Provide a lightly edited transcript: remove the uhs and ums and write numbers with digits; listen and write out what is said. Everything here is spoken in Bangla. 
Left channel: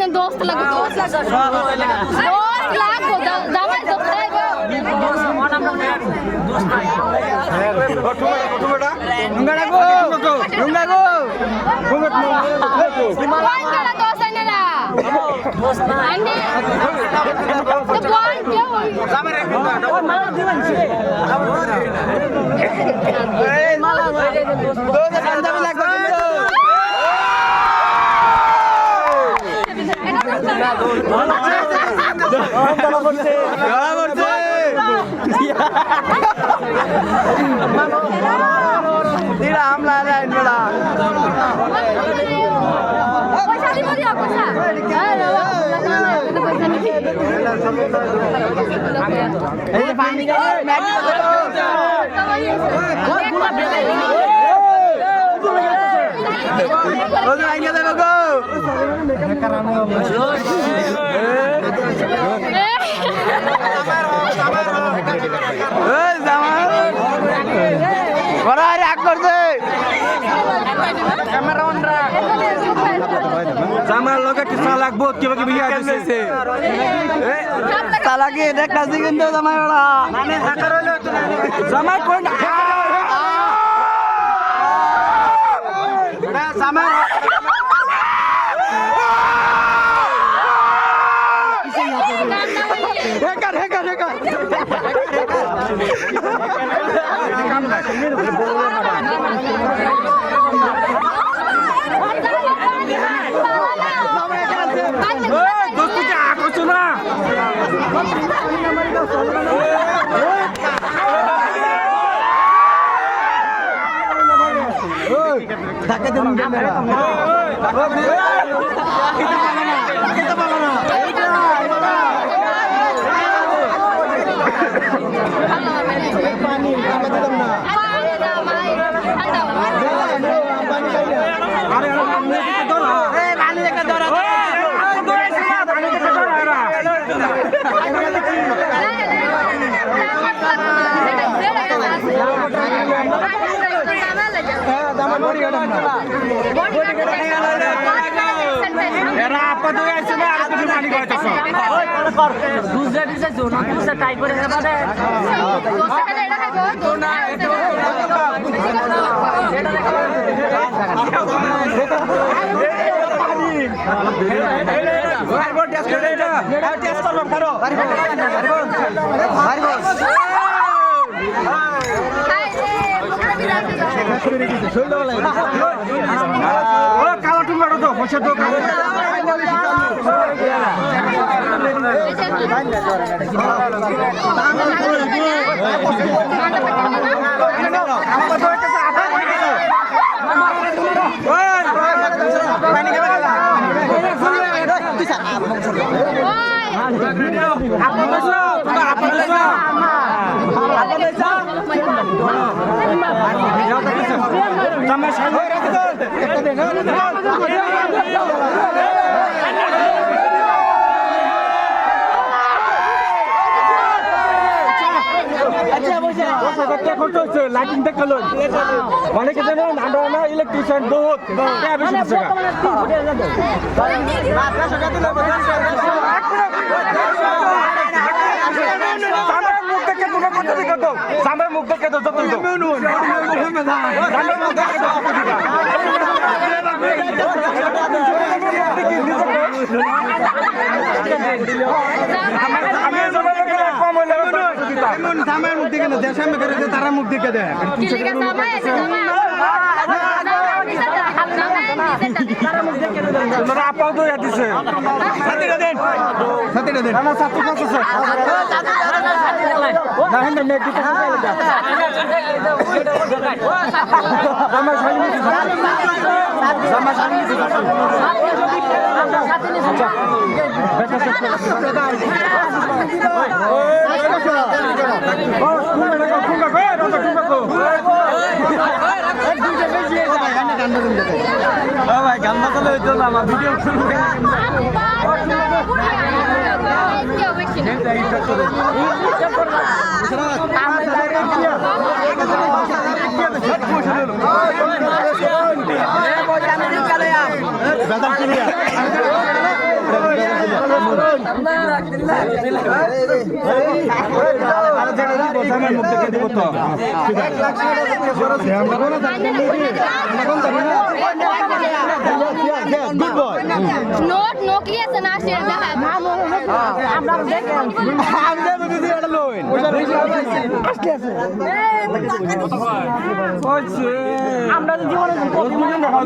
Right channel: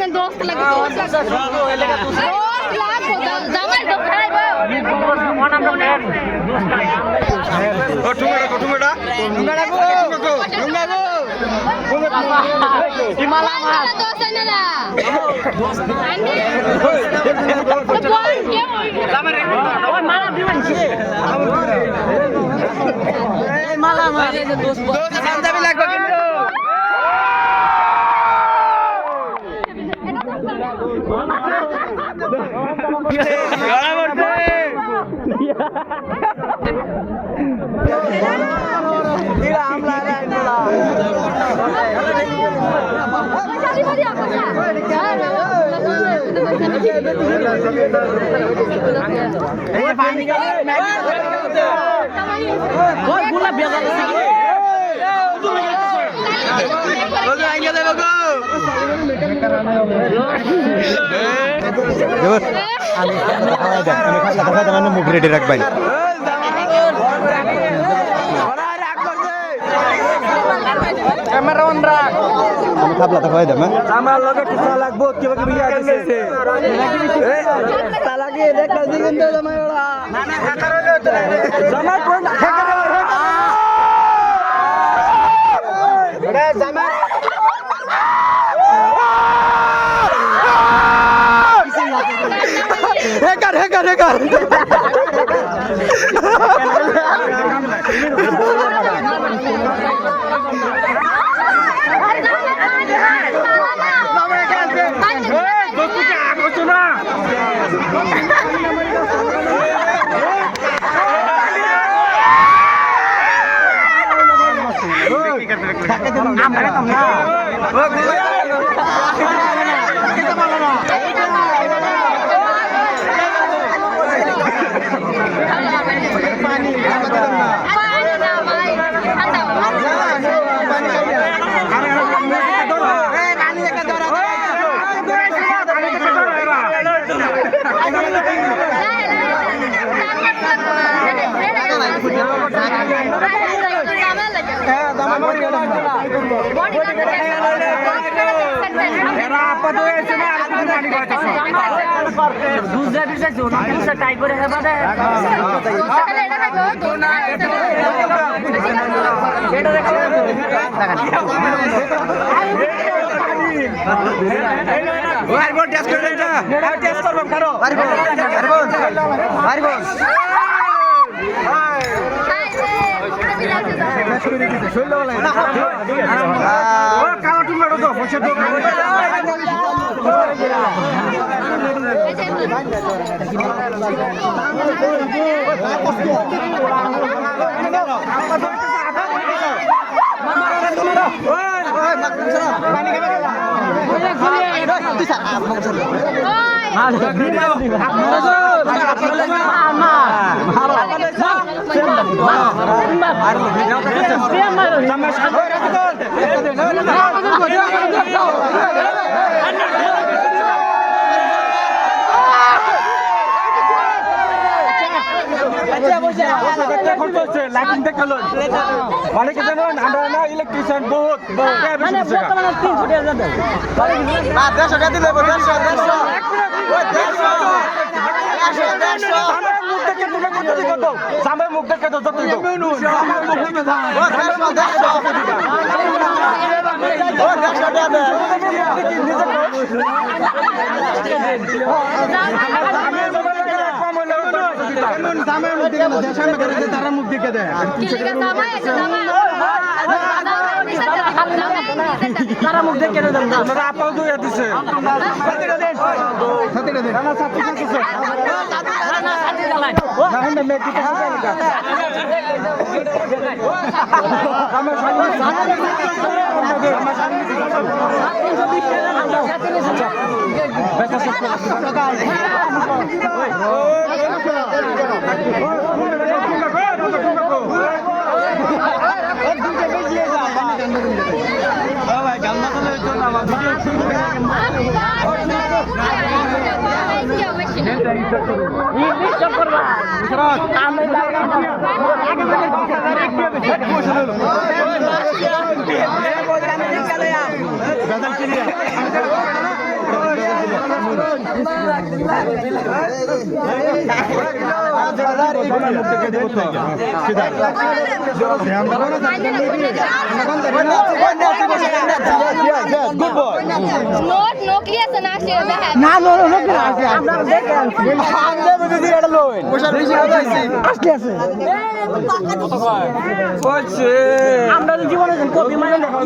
দেন 10 লাখ 10 লাখ জামাই তো খাইবো কঠুঙ্গাটা কঠুঙ্গাটা রেডি রাখ ভাই আমার লগে কিছু লাগবো কিবা কিবি আছে তালাকি এটা কাজী কিন্তু জামাই ওরা জামাই কোন জামাই হেকার পানি না লাইটিং দেখালো মানে কি জানেন আমরা না ইলেকট্রিশিয়ান বহুত মুখ দেখে তুমি কত দিকে দাও সামনের মুখ দেখে দাও যত সামের মুখ দেখে না দেশ সামনে করে তারা মুখ দেখে দেয় আপাও তো দিছে নোট নকলি আছে না আসে দেখা না আমরা দেখলাম আমরা জীবনে কপি মানে দেখা